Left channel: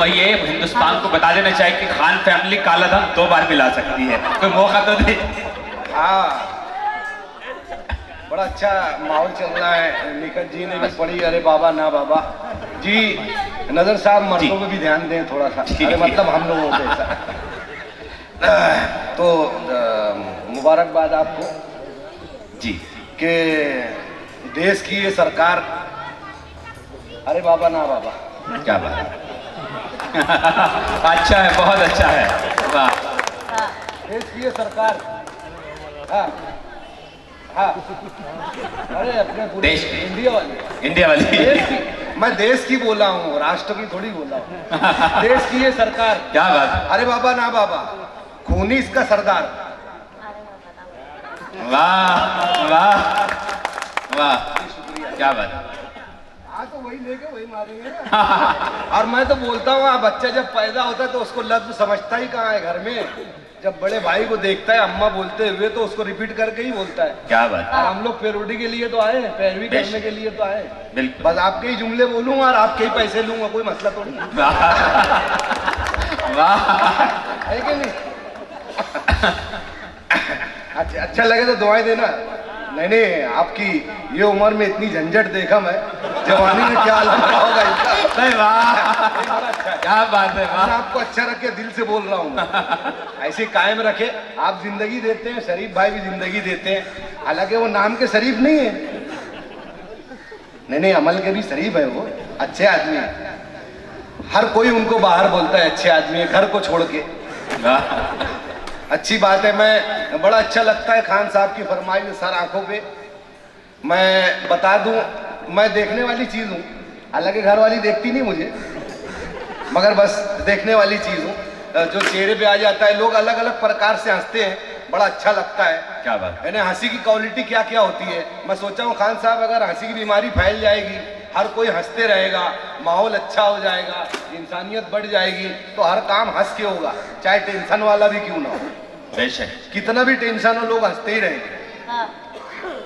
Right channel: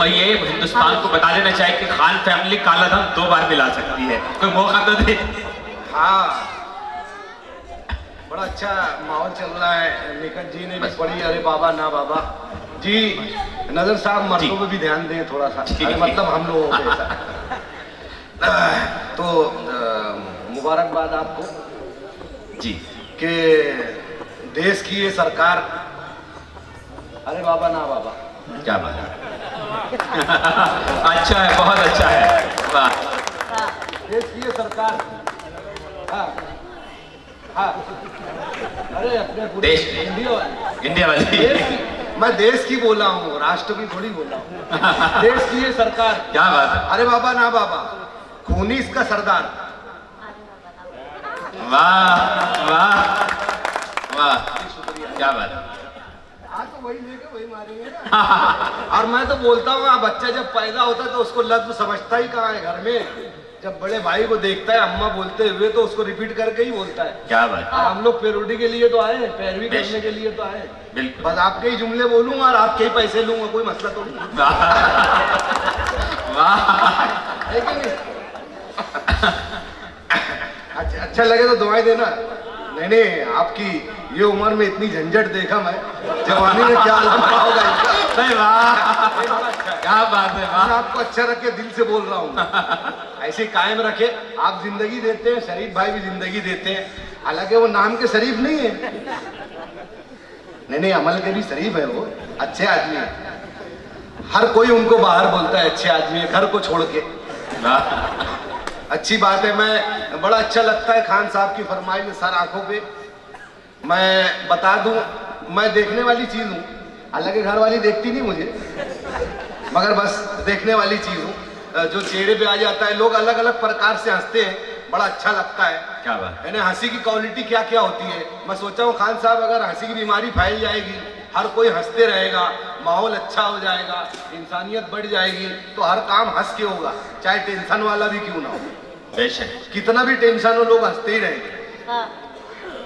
अब ये हिंदुस्तान को बता देना चाहिए कि खान फैमिली काला धन 2 बार पिला सकती है, कोई मौका तो दे। हाँ, बड़ा अच्छा माहौल चल रहा है। निकट जी ने भी पढ़ी, अरे बाबा ना बाबा जी। नजर साहब मर्दों पे भी ध्यान दें थोड़ा सा, अरे मतलब हम लोगों पे तो मुबारकबाद आपको जी कि देश की ये सरकार, अरे बाबा ना बाबा, क्या बात है। अच्छा है, बहुत अच्छा है, वाह। देश की ये सरकार, हाँ हाँ, अरे अपने पूरे देश इंडिया वाली, इंडिया वाली मैं देश की बोला हूँ, राष्ट्र की थोड़ी बोला हूँ। देश की ये सरकार, क्या बात है, अरे बाबा ना बाबा, खूनी इसका सरदार। वाह वाह वाह, क्या बात है। तो वही लेके वही मारेंगे ना। और मैं तो बोलता हूँ, बच्चा जब पैदा होता है तो उसको लफ्ज समझता ही कहाँ है घर में। जब बड़े भाई को देखता है अम्मा बोलते हुए तो उसको रिपीट करके ही बोलता है। क्या बात। और हम लोग पैरोडी के लिए तो आए, पैरवी करने के लिए तो आए। बिल्कुल, बस आपके ही जुमले बोलूंगा और आपके ही पैसे लूंगा, कोई मसला तो नहीं। वाह, है कि नहीं? अच्छा लगे तो दुआएं देना। नहीं, आपकी ये उम्र में इतनी झंझट देखा मैं, जवानी में क्या हालत होगा इनका। वाह, क्या बात है, वाह। मैं आपको अच्छा रखे दिल से बोल रहा हूँ, ऐसे कायम रखे। आप जिंदगी देते हैं, शरीफ भाई भी जिंदगी देते हैं, हालांकि वो नाम के शरीफ नहीं है। नहीं, अमल के भी शरीफ है, वो अच्छे आदमी है। हर कोई उनको बाहर बोलता है अच्छे आदमी है, घर को छोड़ के। अच्छी बात है। मैं बड़ा अच्छा लगता है खान साहब की फरमाइश सर आंखों पे। मैं बता दूं, मैं देखने वाली चीज़ हूँ, हालांकि घर वाली देखती नहीं मुझे, मगर बस देखने वाली चीज़ हूँ। जो चेहरे पे आ जाता है, लोग अलग अलग प्रकार से हंसते हैं, बड़ा अच्छा लगता है। क्या बात। मैंने हंसी की क्वालिटी क्या क्या होती है, मैं सोचा हूँ खान साहब अगर हंसी की बीमारी फैल जाएगी, हर कोई हंसते रहेगा, माहौल अच्छा हो जाएगा, इंसानियत बढ़ जाएगी, तो हर काम हंस के होगा, चाहे टेंशन वाला भी क्यों ना हो। बेशक, कितना भी टेंशन हो, लोग हंसते ही रहेंगे।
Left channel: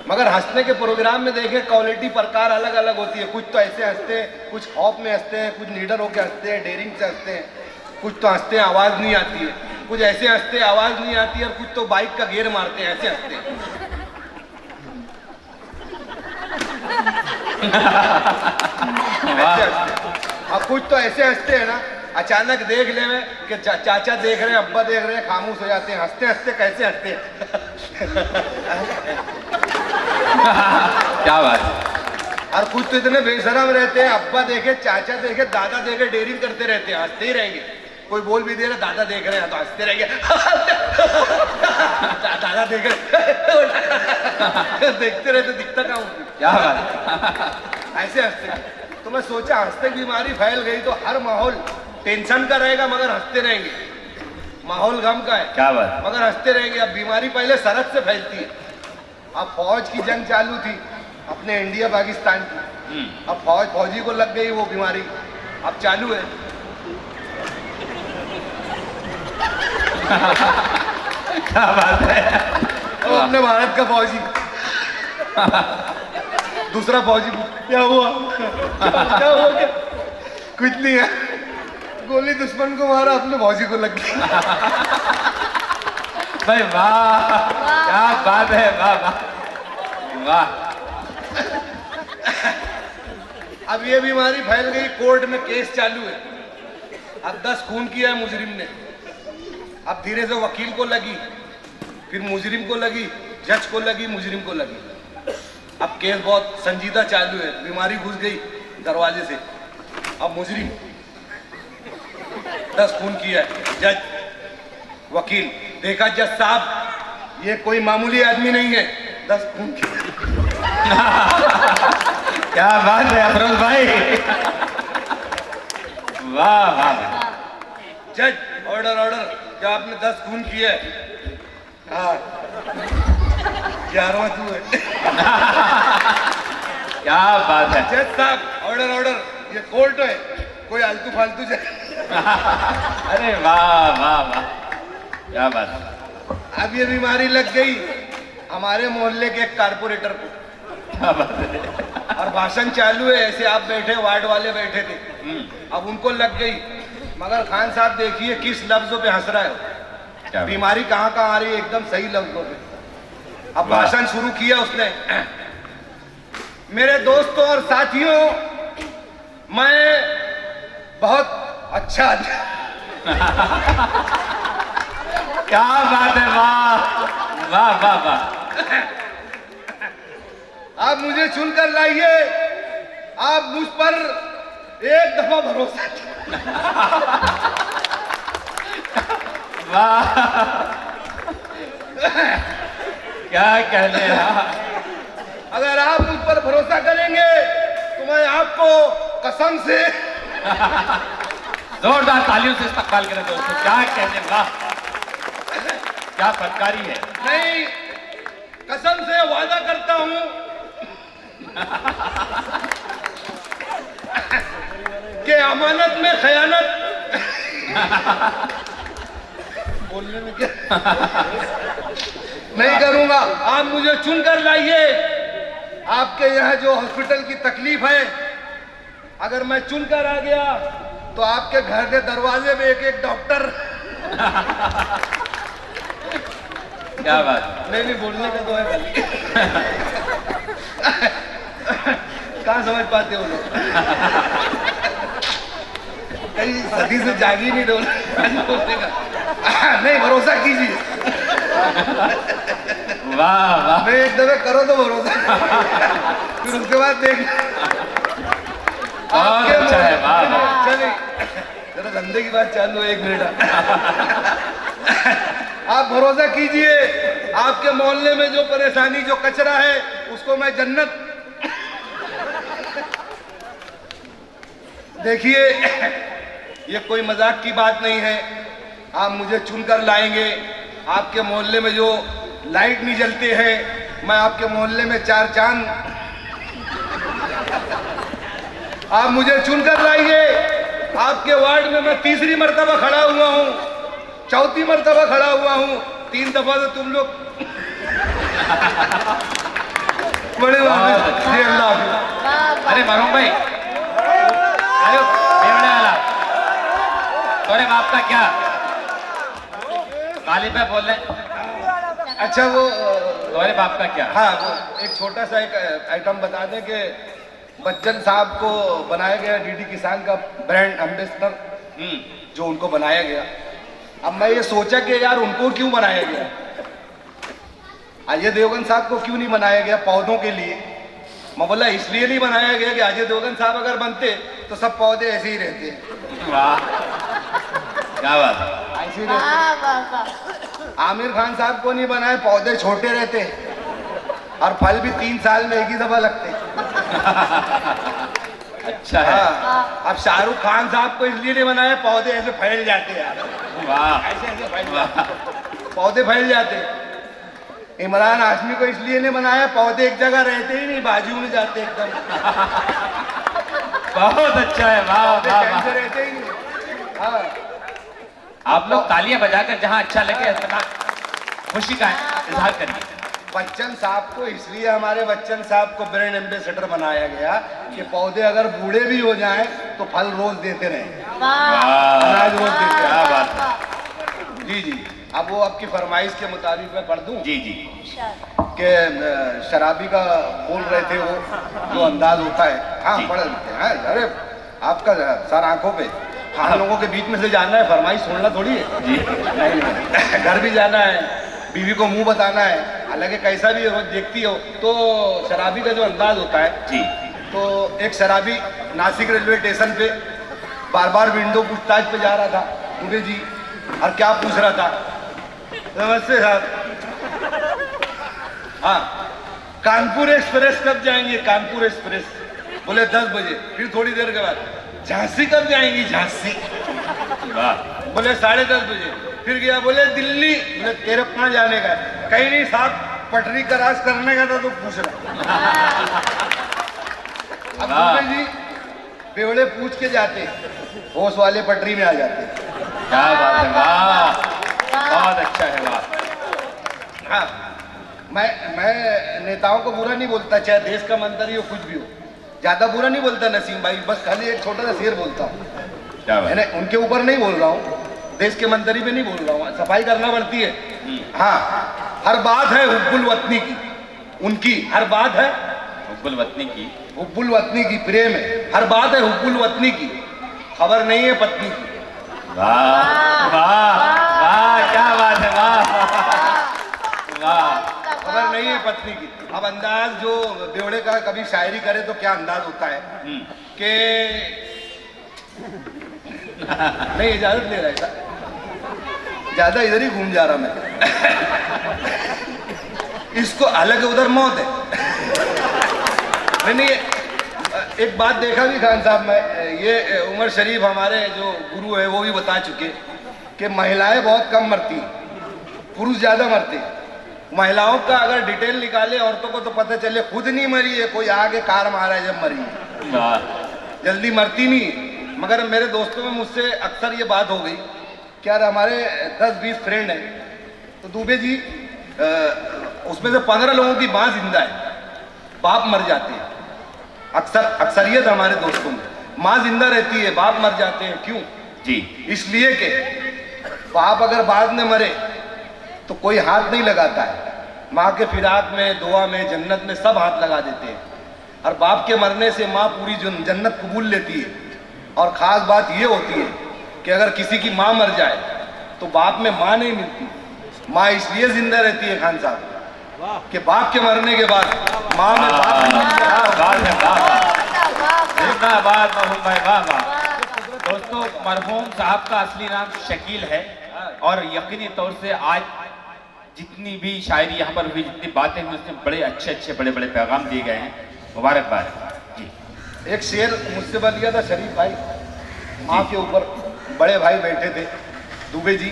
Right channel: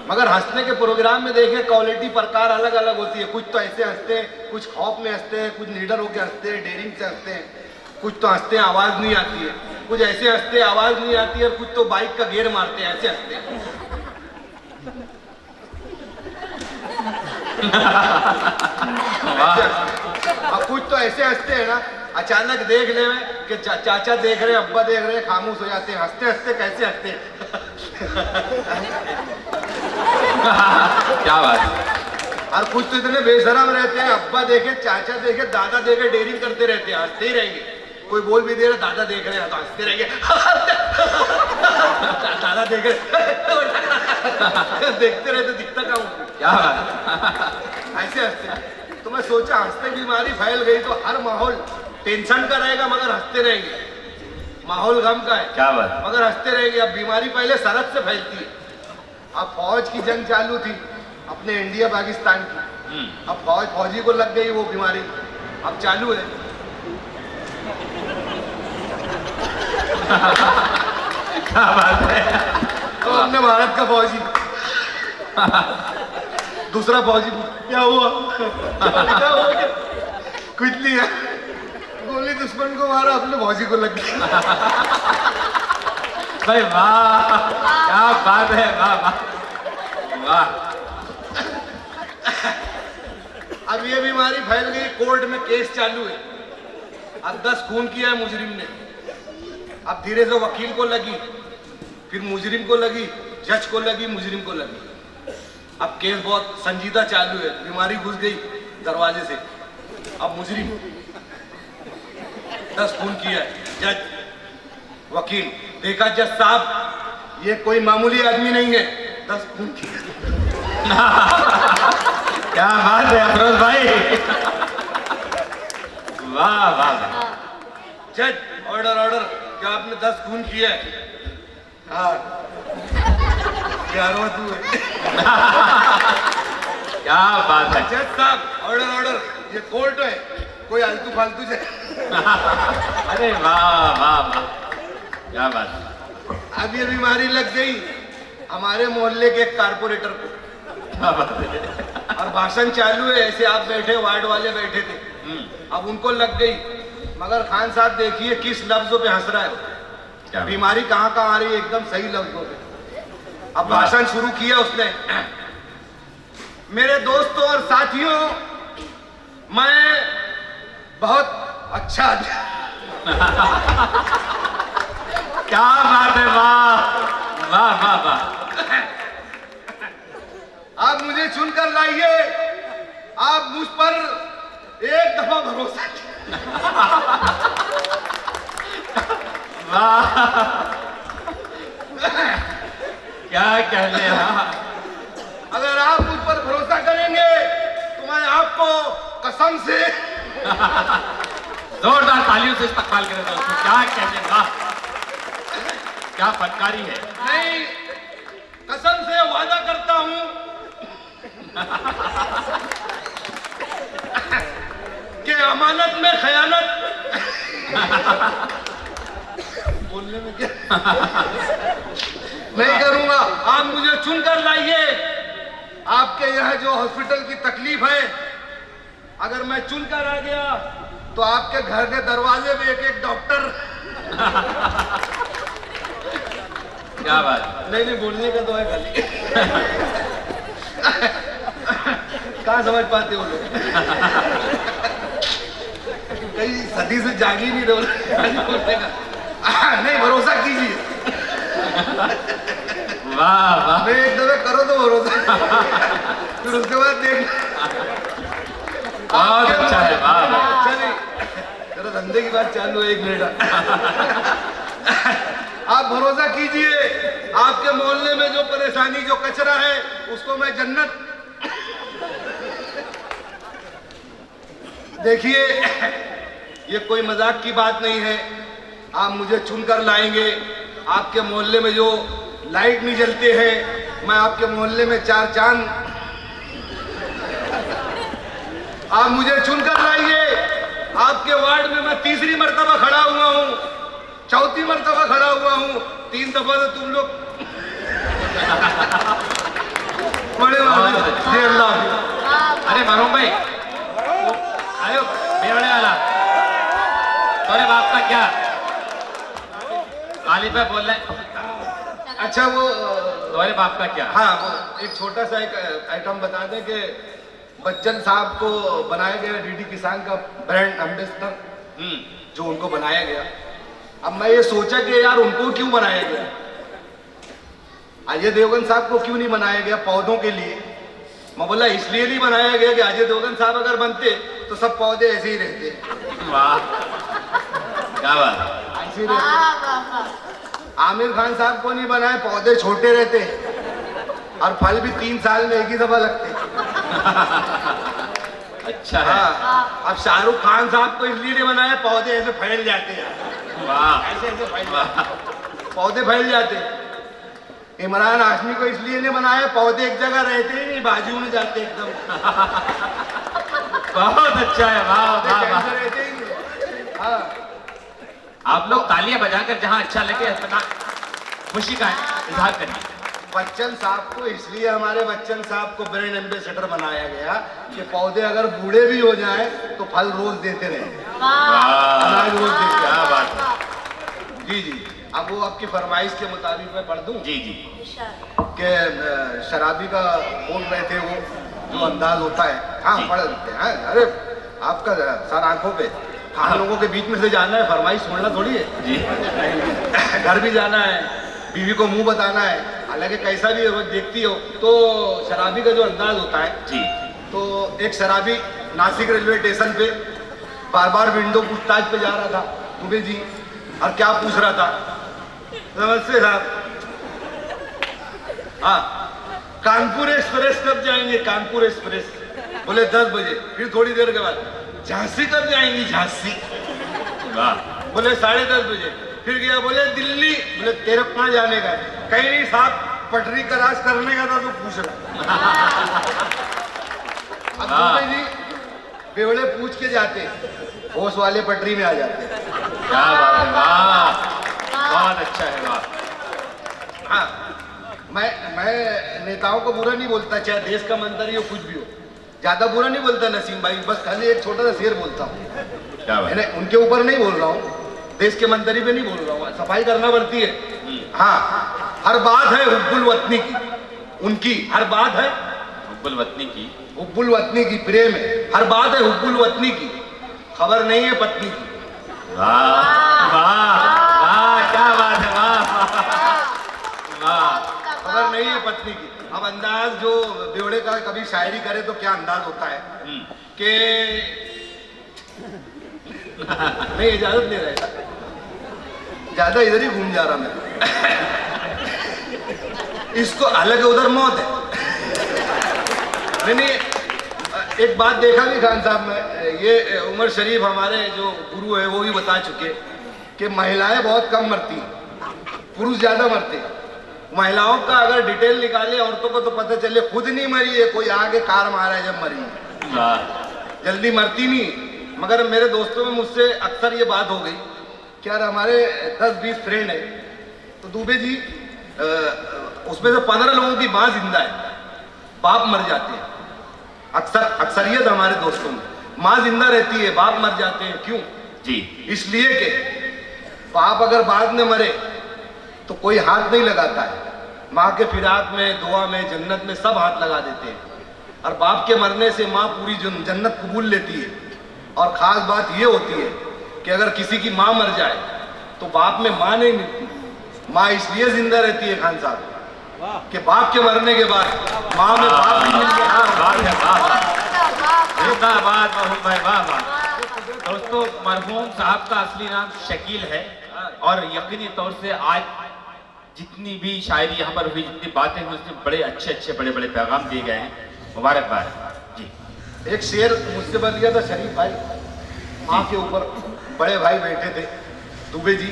मगर हंसने के प्रोग्राम में देखें, क्वालिटी प्रकार अलग अलग होती है। कुछ तो ऐसे हंसते हैं, कुछ खौफ में हंसते हैं, कुछ निडर होकर हंसते हैं, डेयरिंग से हंसते हैं, कुछ तो हंसते हैं आवाज़ नहीं आती है, कुछ ऐसे हंसते हैं आवाज़ नहीं आती है, और कुछ तो बाइक का गियर मारते हैं, ऐसे हंसते हैं। और कुछ तो ऐसे हंसते हैं ना, अचानक देख ले में कि चाचा देख रहे हैं, अब्बा देख रहे हैं, खामोश हो जाते हैं। हंसते हंसते कैसे हंसते हैं। क्या बात। और कुछ तो इतने बेशरम रहते हैं, अब्बा देखे, चाचा देखे, दादा देखे, डेयरिंग करते रहते हैं, हंसते ही रहेंगे। कोई बोल भी दे रहा, दादा देख रहे हैं तो हंसते रहेंगे। दादा देख रहे देखते रहते, दिखता कहाँ हूँ। क्या बात। ऐसे हंसते। तो मैं सोचा हंसते की बीमारी फैल गई तो हर माहौल टेंशन का रहेगा, मगर हंसते रहेंगे। माहौल गम का है, क्या बात, मगर हंसते रहेंगे। अब बीमारी पहले सरहद से फैलती है। अब फौज की जंग चालू थी अपने इंडिया पाकिस्तान की, अब फौजी को लग गई वो बीमारी, अब चालू है। क्या बात है। तो अपने भारत का फौजी दूसरा फौजी, क्या हुआ? क्या हो गया? कुछ नहीं है, गोली दुश्मन को मारा, अपने फौजी को लग गई। भाई वाह, क्या बात है, वाह वाह वाह। अब ये बीमारी फैल गई, कोर्ट में केस चालू है। अब 10 खून किया है मुजरिम ने, अब धीरे से वकील को लगी, फिर मुजरिम को लगी, जज को लगी, मुजरिम को लगी। अब केस बहुत संजीदा चालू है, बीमारी घुस गई दरवाजे से। अब मुजरिम 10 खून किया है, जज वकील देखा, जज साहब ये कोई मामूली आदमी नहीं है, 10 खून किया। क्या बात है अफरोज भाई, वाह वाह। जज ऑर्डर ऑर्डर, क्या आपने 10 खून किए? हाँ 11वां तू है। क्या बात है। जज साहब ऑर्डर ऑर्डर, ये कोर्ट है, कोई आलतू फालतू अरे वाह वाह वाह, क्या बात। अब ये बीमारी लग गई हमारे मोहल्ले के एक कारपोरेटर को, क्या बात है। और भाषण चालू है, ऐसे आप बैठे, वार्ड वाले बैठे थे, अब उनको लग गई। मगर खान साहब देखिए किस लफ्जों पे हंस रहा है, बीमारी कहाँ कहाँ आ रही है, एकदम सही लफ्जों पे। अब भाषण शुरू किया उसने। मेरे दोस्तों और साथियों, मैं बहुत अच्छा क्या बात है, वाह वाह वाह वाह। आप मुझे चुनकर लाइए, आप मुझ पर एक दफा भरोसा वाह, क्या कहने हैं। अगर आप मुझ पर भरोसा करेंगे तो मैं आपको कसम से जोरदार तालियों से इस्तकबाल करें दोस्तों, क्या कहने, वाह क्या फटकारी है। नहीं, कसम से वादा करता हूं कि अमानत में खयानत बोलने में क्या नहीं करूंगा। आप मुझे चुनकर लाइए, आपके यहाँ जो हॉस्पिटल की तकलीफ है, अगर मैं चुनकर आ गया तो आपके घर के दरवाजे में एक एक डॉक्टर। क्या बात। नहीं बोलने का तो है खाली। कहाँ समझ पाते हो लोग, कई सदी से जागी नहीं बोलने का। नहीं, भरोसा कीजिए। वाह वाह, नहीं, एक दफे करो तो भरोसा, फिर उसके बाद देख। बहुत अच्छा है, वाह वाह। चलिए जरा धंधे की बात चालू है, 1 मिनट। आप भरोसा कीजिए, आपके मोहल्ले में जो परेशानी, जो कचरा है, उसको मैं जन्नत। देखिए ये कोई मजाक की बात नहीं है, आप मुझे चुनकर लाएंगे। आपके मोहल्ले में जो लाइट नहीं जलते हैं, मैं आपके मोहल्ले में 4 चांद। आप मुझे चुनकर लाइए, आपके वार्ड में मैं 3री मर्तबा खड़ा हुआ हूं, 4थी मर्तबा खड़ा हुआ हूं, 3 दफा तो तुम लोग बड़े अल्लाह। अरे मरहूम भाई, अरे बेवड़े वाला, तुम्हारे बाप का क्या गाली पे बोल रहे। अच्छा वो तुम्हारे बाप का क्या। हाँ, वो एक छोटा सा एक आइटम बता दें कि बच्चन साहब को बनाया गया डीडी किसान का ब्रांड एम्बेसडर, जो उनको बनाया गया। अब मैं ये सोचा कि यार उनको क्यों बनाया गया, अजय देवगन साहब को क्यों नहीं बनाया गया पौधों के लिए। मैं बोला इसलिए नहीं बनाया गया कि अजय देवगन साहब अगर बनते तो सब पौधे ऐसे ही रहते। वाह क्या बात। ऐसे ही रहते। आमिर खान साहब को नहीं बनाए, पौधे छोटे रहते और फल भी 3 साल में एक ही दफा लगते। अच्छा है। हाँ, अब शाहरुख खान साहब को इसलिए नहीं बनाया, पौधे ऐसे फैल जाते हैं। वाह ऐसे ऐसे फैल जाते, पौधे फैल जाते। इमरान हाशमी को इसलिए नहीं बनाया, पौधे एक जगह रहते ही नहीं, बाजू में जाते एकदम। बहुत अच्छा है, वाह वाह वाह। रहते ही नहीं। हाँ, आप लोग तालियां बजाकर जहां अच्छा लगे खुशी का इजहार करिए। बच्चन साहब को इसलिए, हमारे बच्चन साहब को ब्रांड एम्बेसडर बनाया गया कि पौधे अगर बूढ़े भी हो जाएं तो फल रोज देते रहें, अनाज रोज देते। क्या बात है। जी जी, अब वो आपकी फरमाइश के मुताबिक मैं पढ़ दूं जी जी। कि शराबी का बोल रहे थे वो जो अंदाज होता है। हाँ पढ़ देते हैं। अरे आपका सर आंखों पे, हम लोगों के बीच में से जाना है, फरमाइश सुनना थोड़ी है जी। नहीं, घर भी जाना है, बीवी को मुंह बताना है, हालांकि कैसा भी रोज देखती हो। तो शराबी का जो अंदाज होता है जी, तो एक शराबी नासिक रेलवे स्टेशन पे बार बार विंडो पूछताछ पे जा रहा था, दुबे जी, और क्या पूछ रहा था, नमस्ते साहब, हाँ कानपुर एक्सप्रेस कब जाएंगे, कानपुर एक्सप्रेस। बोले 10 बजे। फिर थोड़ी देर के बाद झांसी कब जाएंगी झांसी? वाह बोले 10:30 बजे। फिर गया, बोले दिल्ली। बोले तेरे कहाँ जाने का है? कहीं नहीं साहब, पटरी क्रॉस करने का था तो पूछ रहा। अब दुबे जी बेवड़े पूछ के जाते, होश वाले पटरी में आ जाते। क्या बात है, वाह बहुत अच्छा है, वाह। हाँ, मैं नेताओं को बुरा नहीं बोलता, चाहे देश का मंत्री हो कुछ भी हो, ज्यादा बुरा नहीं बोलता नसीम भाई, बस खाली एक छोटा सा शेर बोलता हूँ। क्या बात है? उनके ऊपर नहीं बोल रहा हूँ, देश के मंत्री पे नहीं बोल रहा हूँ, सफाई करना पड़ती है। हाँ, हर बात है हुब्बुल वतनी की, उनकी हर बात है हुब्बुल वतनी की, हुब्बुल वतनी की, प्रेम है, हर बात है हुब्बुल वतनी की, खबर नहीं है पत्नी की। वाह वाह वाह, क्या बात है, वाह वाह। खबर नहीं है पत्नी की। अब अंदाज जो बेवड़े का कभी शायरी करे तो क्या अंदाज होता है कि नहीं, इजाजत ले रहा था, ज्यादा इधर ही घूम जा रहा मैं। इसको अलग उधर मौत है। नहीं, एक बात देखा भी खान साहब, मैं ये उमर शरीफ हमारे जो गुरु है वो भी बता चुके कि महिलाएं बहुत कम मरती, पुरुष ज्यादा मरते। महिलाओं का अगर डिटेल निकाले औरतों को तो पता चले खुद नहीं मरी है, कोई आगे कार मारा है जब मरी है, जल्दी मरती नहीं। मगर मेरे दोस्तों में मुझसे अक्सर ये बात हो गई कि यार हमारे 10-20 फ्रेंड है, तो दुबे जी उसमें से 15 लोगों की माँ जिंदा है, बाप मर जाते हैं। अक्सरियत हमारे दोस्तों में माँ जिंदा रहती है, बाप मर जाते हैं। क्यों जी? इसलिए कि बाप अगर बाद में मरे तो कोई हाथ नहीं लगाता है, माँ के फिराक में, दुआ में, जन्नत में सब हाथ लगा देते हैं, और बाप के मरने से माँ पूरी जन्नत कबूल लेती है। और ख़ास बात ये होती है कि अगर किसी की माँ मर जाए तो बाप में माँ नहीं मिलती। माँ इसलिए जिंदा रहती है खान साहब कि बाप के मरने के बाद माँ में बाप नहीं मिल गया। जिंदाबाद मोहन भाई, वाह वाह। दोस्तों, मरहूम साहब का असली नाम शकील है, और यकीनी तौर से आज जितनी भी शायरी यहाँ पर हुई, जितनी बातें हुई, उसमें बड़े अच्छे बड़े पैगाम दिए गए हैं। मुबारकबाद जी। एक शेर मुझसे बन गया था शरीफ भाई, माँ के ऊपर बड़े भाई बैठे थे दुबे जी,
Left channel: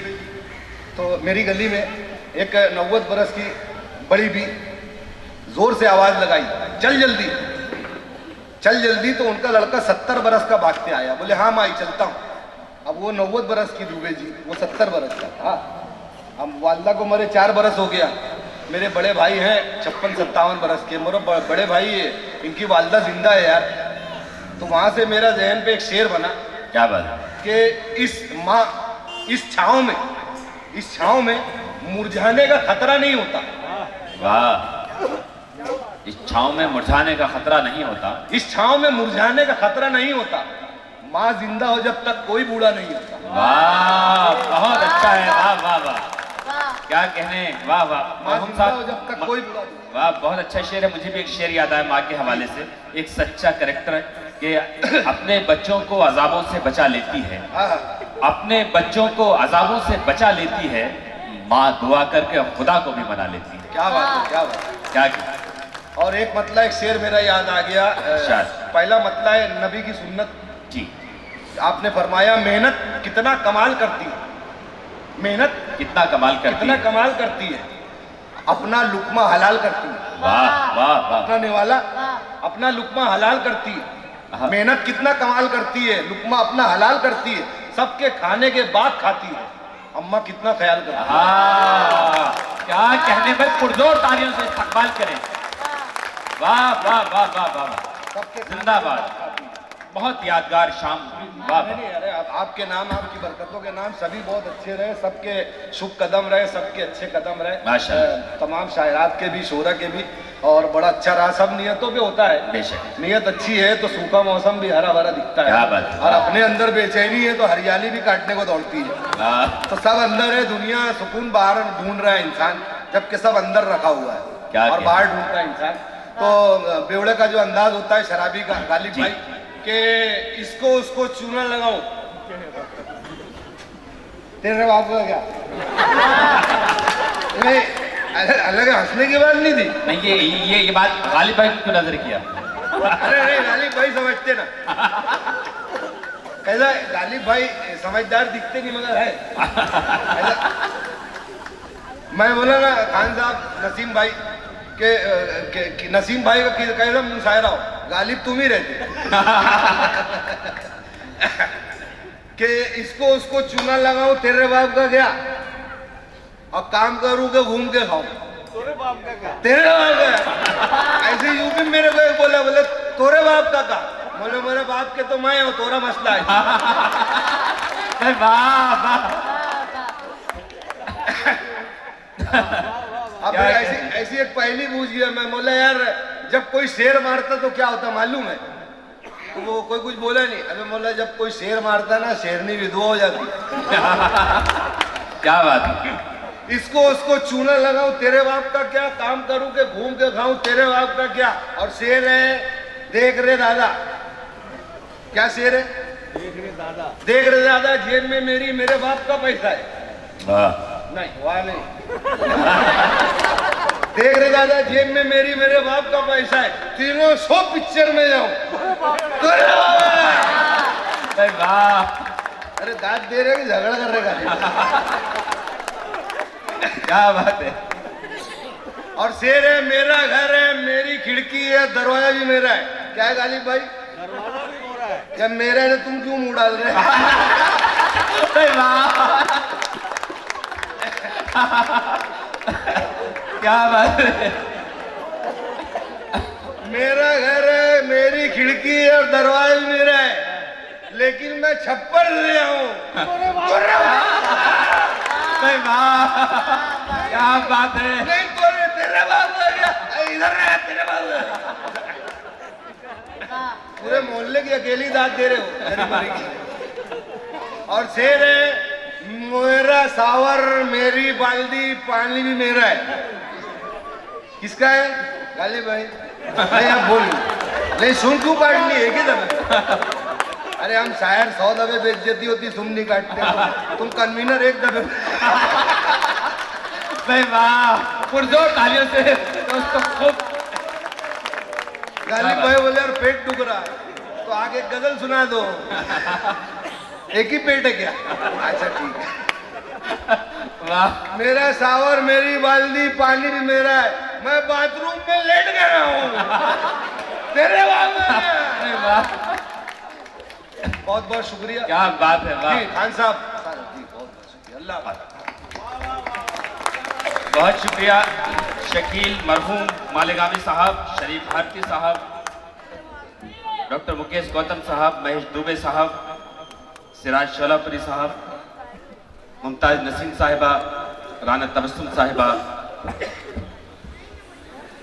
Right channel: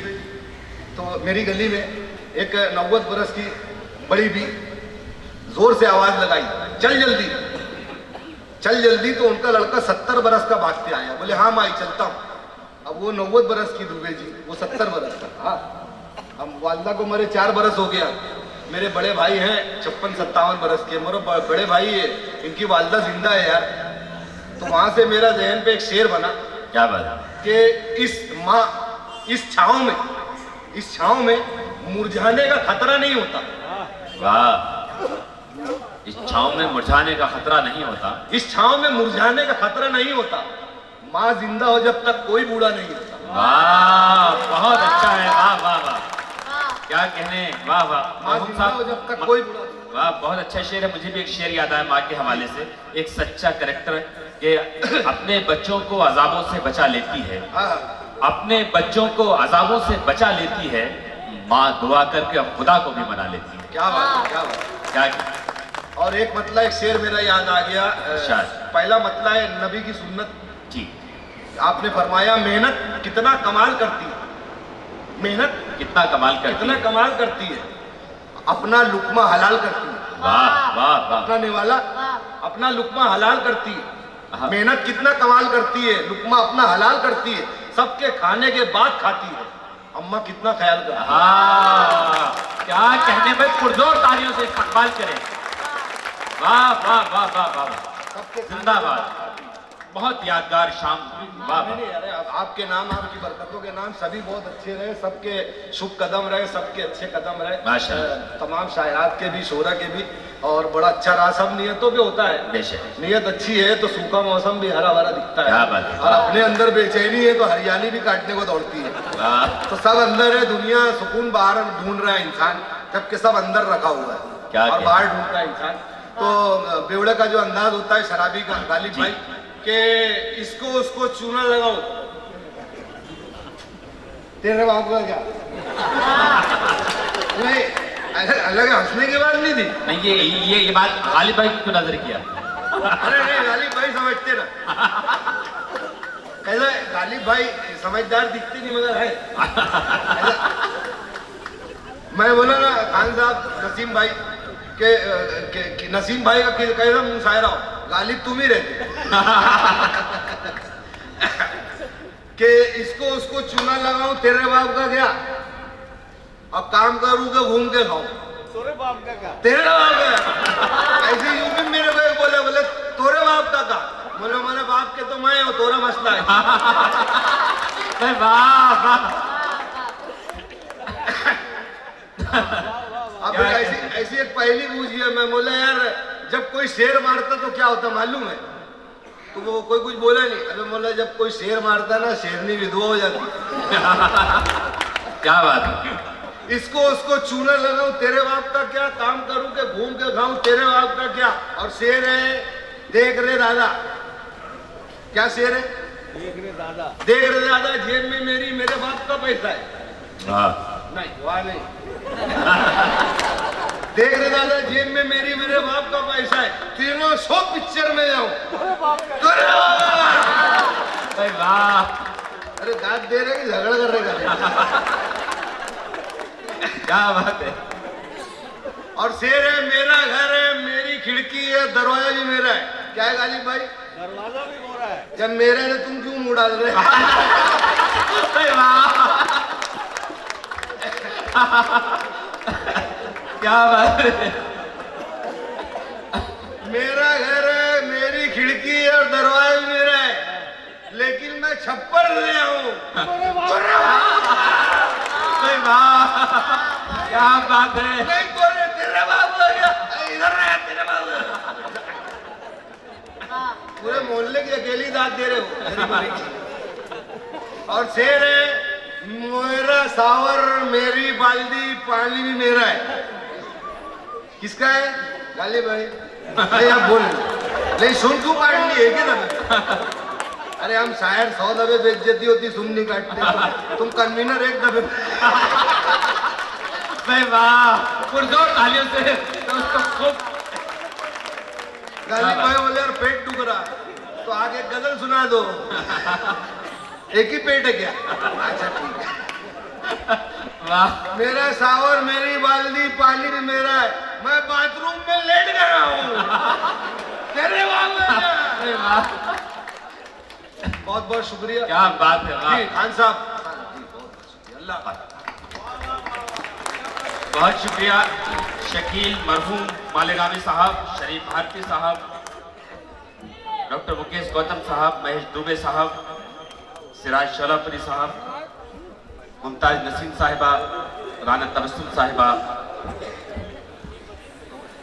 तो मेरी गली में एक 90 बरस की बड़ी भी जोर से आवाज लगाई, चल जल्दी चल जल्दी। तो उनका लड़का 70 बरस का भागते आया, बोले हाँ माई चलता हूँ। अब वो 90 बरस की दुबे जी, वो 70 बरस का। हाँ, हम वालदा को मरे 4 बरस हो गया, मेरे बड़े भाई हैं 56-57 बरस के, मेरे बड़े भाई है, इनकी वालदा जिंदा है यार। तो वहां से मेरा जहन पे एक शेर बना, क्या बात कि इस छांव में मुरझाने का खतरा नहीं होता। वाह, इस छांव में मुरझाने का खतरा नहीं होता, इस छांव में मुरझाने का खतरा नहीं होता, माँ जिंदा हो जब तक कोई बूढ़ा नहीं होता। वाह, बहुत अच्छा है, वाह वाह वाह, क्या कहने, वाह वाह। माँ जिंदा हो जब तक कोई बूढ़ा नहीं। वाह, बहुत अच्छा शेर है। मुझे भी एक शेर याद आया माँ के हवाले से, एक सच्चा कैरेक्टर है कि अपने बच्चों को अजाबों से बचा लेती है, अपने बच्चों को अजाबों से बचा लेती है, माँ दुआ करके खुदा को भी मना लेती है। क्या बात है, क्या बात, क्या। और एक मतलब, एक शेर मेरा याद आ गया। पहला मतला है नबी की सुन्नत जी। आपने फरमाया, मेहनत कितना कमाल करती है, मेहनत कितना कमाल करती है, अपना लुकमा हलाल करती है। वाह वाह वाह। अपना निवाला अपना लुकमा हलाल करती है। मेहनत कितना कमाल करती है, लुकमा अपना हलाल करती है, सबके खाने के बाद खाती है। अम्मा कितना ख्याल करती है। हाँ, क्या कहने पर पुरजोर तालियों से इस्तकबाल करें। वाह वाह वाह वाह वाह, जिंदाबाद। बहुत यादगार शाम। वाह, अरे आपके नाम, आपकी बरकतों के नाम सभी बहुत अच्छे रहे, सबके शुभ कदम रहे, सबके अच्छे कदम रहे, तमाम शायरात के भी, शोरा के भी, और बड़ा अच्छा रहा। सब नियतों पे होता है, बेशक नियत अच्छी है तो सूखा मौसम भी हरा भरा दिखता है, और अपने अंदर बेचैनी है तो हरियाली भी काटने को दौड़ती है। तो सब अंदर है, दुनिया सुकून बाहर ढूंढ रहा है इंसान, जबकि सब अंदर रखा हुआ है और बाहर ढूंढ रहा है इंसान। तो बेवड़े का जो अंदाज होता है शराबी का, गालिब भाई, कि इसको उसको चूना लगाओ, तेरे बात को क्या नहीं, अलग हंसने की बात नहीं थी। नहीं, ये बात गालिब भाई को नजर किया। अरे नहीं, गालिब भाई समझते ना, ऐसा गालिब भाई समझदार दिखते नहीं मगर है ऐसा। मैं बोला ना खान साहब नसीम भाई के नसीम भाई का कैसा मुशायरा हो, गालिब तुम ही रहते कि इसको उसको चूना लगाऊं तेरे बाप का क्या, और काम करूं के घूम के खाऊं तेरे बाप का क्या, तेरे बाप का। ऐसे यूपी मेरे को बोला बोले तोरे बाप का क्या, बोले मेरे बाप के तो मैं हूं, तोरा मसला है। वाह वाह। अब ऐसी एक पहली पूछी है, मैं बोला यार जब कोई शेर मारता तो क्या होता मालूम है, तो वो कोई कुछ बोला नहीं। अबे बोला जब कोई शेर मारता ना शेरनी विधवा हो जाती। क्या बात है। इसको उसको चूना लगाऊं तेरे बाप का क्या, काम करूं के घूम के खाऊं तेरे बाप का क्या, और शेर है देख रे दादा, क्या शेर है, देख रे दादा जेब में मेरी मेरे बाप का पैसा है। नहीं वहां नहीं, देख रे दादा जेब में मेरी मेरे बाप का पैसा है, तीनों 100 पिक्चर में जाऊं। वाह। अरे दांत दे रहे कि झगड़ा कर रहे क्या बात है। और शेर है मेरा घर है मेरी खिड़की है दरवाजा भी मेरा है। क्या है गालिब भाई, दरवाजा भी मेरा है। जब मेरा है तुम क्यों मुंह डाल रहे? क्या बात है। मेरा घर है मेरी खिड़की है और दरवाजा भी मेरा है, लेकिन मैं छप्पर ले आऊं। क्या बात है। नहीं तोरे तेरे बाप हो गया, इधर है तेरे बाप। पूरे मोहल्ले की अकेली दांत दे रहे हो। और शेर है मेरा सावर मेरी बाल्दी पानी भी मेरा है। किसका है गालिब भाई? नहीं आप बोल नहीं, सुन क्यों काटनी है कि दबे? अरे हम शायर 100 दबे बेइज्जती होती, तुम नहीं काटते, तुम कन्वीनर एक दबे। वाह, पुरजोर तालियों से दोस्तों खूब। गालिब भाई बोले और पेट दुख रहा तो आगे गजल सुना दो। एक ही पेट है क्या? अच्छा ठीक है। वाह। मेरा सावर मेरी बाल्दी पानी भी मेरा है, मैं बाथरूम में लेट गया हूँ तेरे वाह। बहुत बहुत शुक्रिया। क्या बात है। वाह खान साहब जी बहुत बहुत शुक्रिया, अल्लाह हाफ़िज़। बहुत शुक्रिया शकील मरहूम मालेगामी साहब, शरीफ भारती साहब, डॉक्टर मुकेश गौतम साहब, महेश दुबे साहब, सिराज शोलापुरी साहब, मुमताज नसीम साहिबा, राना तबस्सुम साहिबा,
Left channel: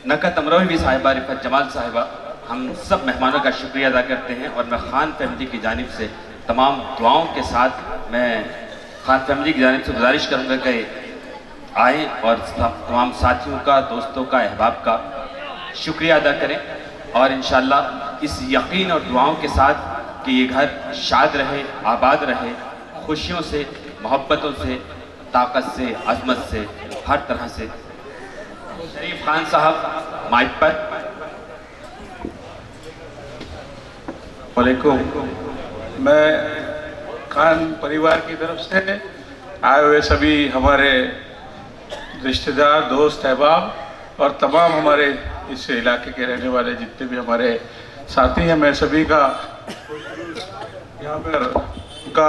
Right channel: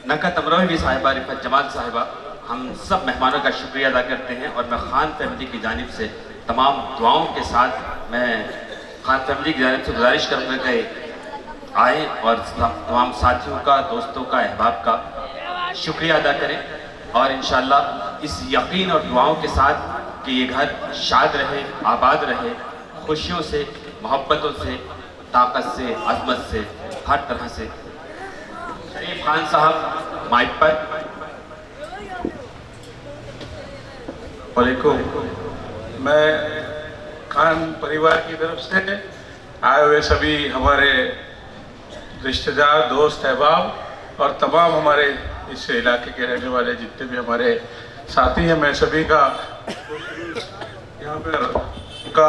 नकत अमरोही साहिबा, रिफत जमाल साहिबा, हम सब मेहमानों का शुक्रिया अदा करते हैं। और मैं खान फैमिली की जानिब से तमाम दुआओं के साथ मैं खान फैमिली की जानिब से गुजारिश करूँगा कि आए और तमाम साथियों का, दोस्तों का, अहबाब का शुक्रिया अदा करें। और इंशाअल्लाह इस यकीन और दुआओं के साथ कि ये घर शाद रहे, आबाद रहे, खुशियों से, मोहब्बतों से, ताकत से, अजमत से, हर तरह से। शरीफ खान साहब माइक पर। वालेकुम। मैं खान परिवार की तरफ से आए हुए सभी हमारे रिश्तेदार, दोस्त, अहबाब और तमाम हमारे इस इलाके के रहने वाले जितने भी हमारे साथी हैं, मैं सभी का यहाँ पर उनका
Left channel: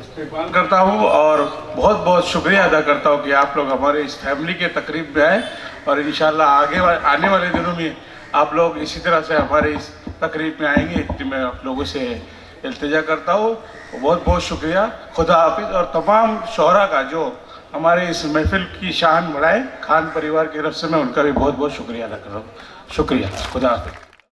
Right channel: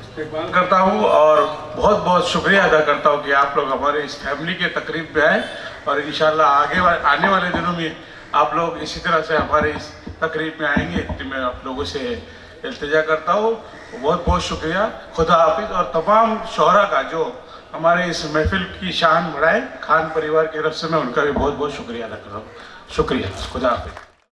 इस्तेमाल करता हूँ और बहुत बहुत शुक्रिया अदा करता हूँ कि आप लोग हमारे इस फैमिली के तकरीब में आए। और इंशाल्लाह आने वाले दिनों में आप लोग इसी तरह से हमारे इस तकरीब में आएंगे, इतनी मैं आप लोगों से इल्तिजा करता हूँ। बहुत बहुत शुक्रिया, खुदा हाफिज़। और तमाम शोहरा का जो हमारे इस महफिल की शान बढ़ाए, खान परिवार की तरफ से मैं उनका भी बहुत बहुत शुक्रिया अदा कर रहा हूँ। शुक्रिया, खुदा हाफिज़।